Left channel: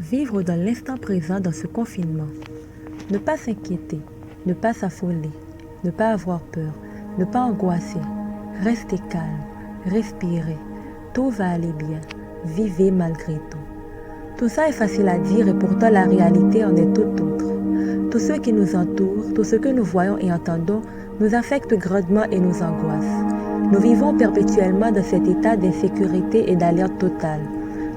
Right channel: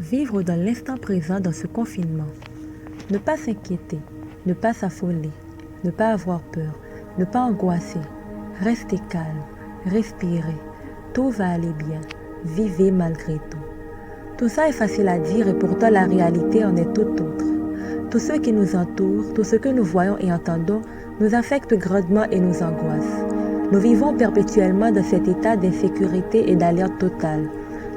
Vivre dans l'instant présent dans ce confinement. Ne pas s'inquiéter, ne pas s'affoler, ne pas avoir peur, ne pas angoisser. Restez calme, respirez, tout va aller bien, vivez malgré tout. Tout ça est facile à dire et pourtant la réalité en est tout autre. Tout ce qui nous entoure, tout ce que nous voyons et entendons nous affecte grandement et nous angoisse. Nous vivons perpétuellement dans cet état d'insécurité et d'alerte totale.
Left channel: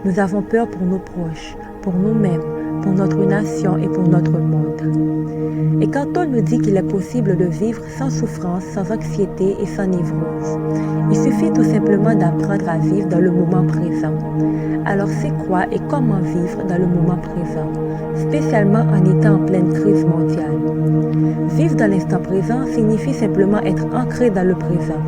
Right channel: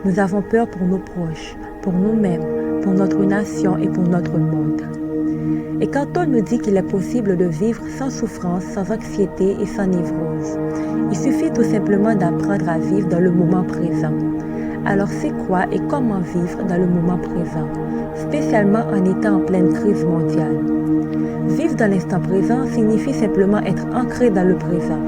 Nous avons peur pour nos proches, pour nous-mêmes, pour notre nation et pour notre monde. Et quand on nous dit qu'il est possible de vivre sans souffrance, sans anxiété et sans névrose, il suffit tout simplement d'apprendre à vivre dans le moment présent. Alors c'est quoi et comment vivre dans le moment présent, spécialement en étant en pleine crise mondiale? Vivre dans l'instant présent signifie simplement être ancré dans le présent.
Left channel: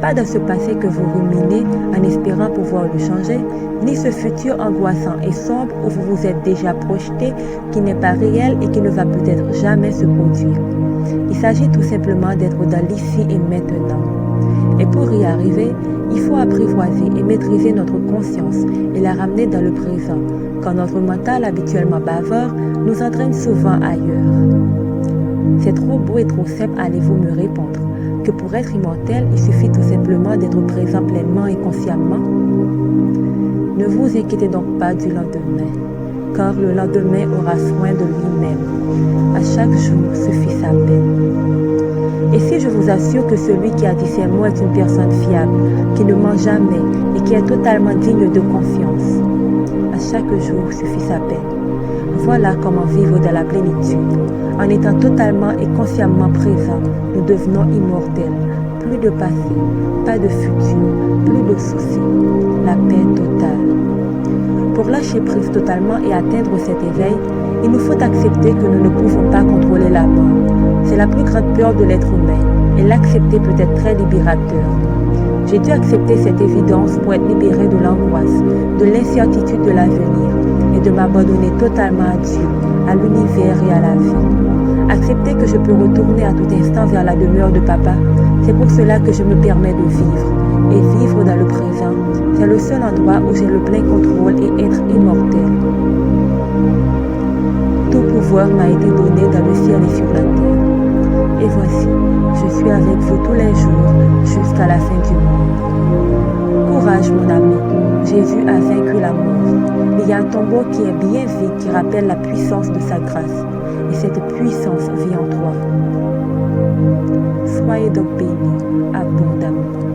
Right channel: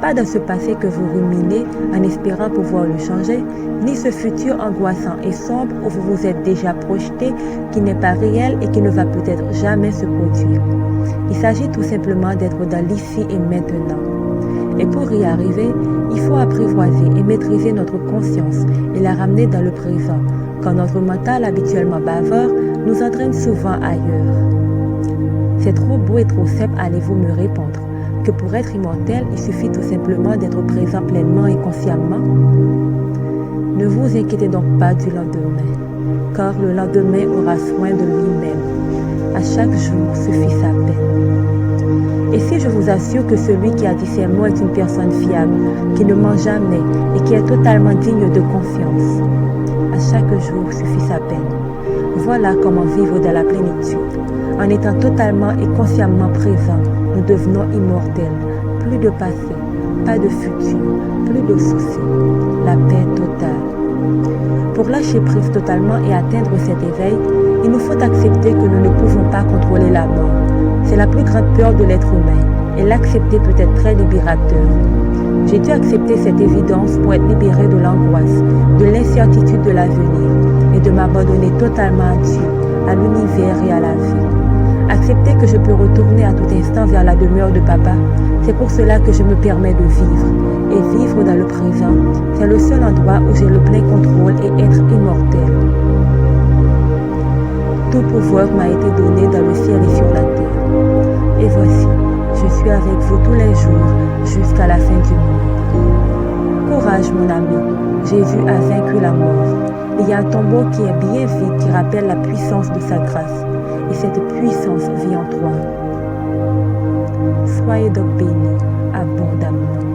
Pas dans ce passé que vous ruminez en espérant pouvoir le changer, ni ce futur angoissant et sombre où vous vous êtes déjà projeté, qui n'est pas réel et qui ne va peut-être jamais se produire. Il s'agit tout simplement d'être dans l'ici et maintenant. Et pour y arriver, il faut apprivoiser et maîtriser notre conscience et la ramener dans le présent, quand notre mental habituellement bavard nous entraîne souvent ailleurs. C'est trop beau et trop simple, allez-vous me répondre, que pour être immortel, il suffit tout simplement d'être présent pleinement et consciemment? Ne vous inquiétez donc pas du lendemain, car le lendemain aura soin de lui-même. À chaque jour suffit sa peine. Et si je vous assure que celui qui a dit ces mots est une personne fiable, qui ne ment jamais et qui est totalement digne de confiance? À chaque jour suffit sa peine. Voilà comment vivre dans la plénitude. En étant totalement et consciemment présent, nous devenons immortels. Plus de passé, pas de futur, plus de soucis. La paix totale. Pour lâcher prise totalement et atteindre cet éveil, il nous faut accepter que nous ne pouvons pas contrôler la mort. C'est la plus grande peur de l'être humain, et l'accepter peut être très libérateur. J'ai dû accepter cette évidence pour être libéré de l'angoisse, de l'incertitude de l'avenir, et de m'abandonner totalement à Dieu, à l'univers et à la vie. Accepter que je peux retourner à tout instant vers la demeure de Papa, c'est pour cela que je me permets de vivre. Et vivre dans le présent, c'est le seul endroit où j'ai le plein contrôle et être immortel. Tout pouvoir m'a été donné dans le ciel et sur la terre. Et voici, je suis avec vous tous les jours jusqu'à la fin du monde. Courage mon ami, Jésus a vaincu la mort. Il y a un tombeau qui est bien vide qui rappelle la puissance de sa grâce. Et cette puissance vit en toi. Soyez donc bénis abondamment.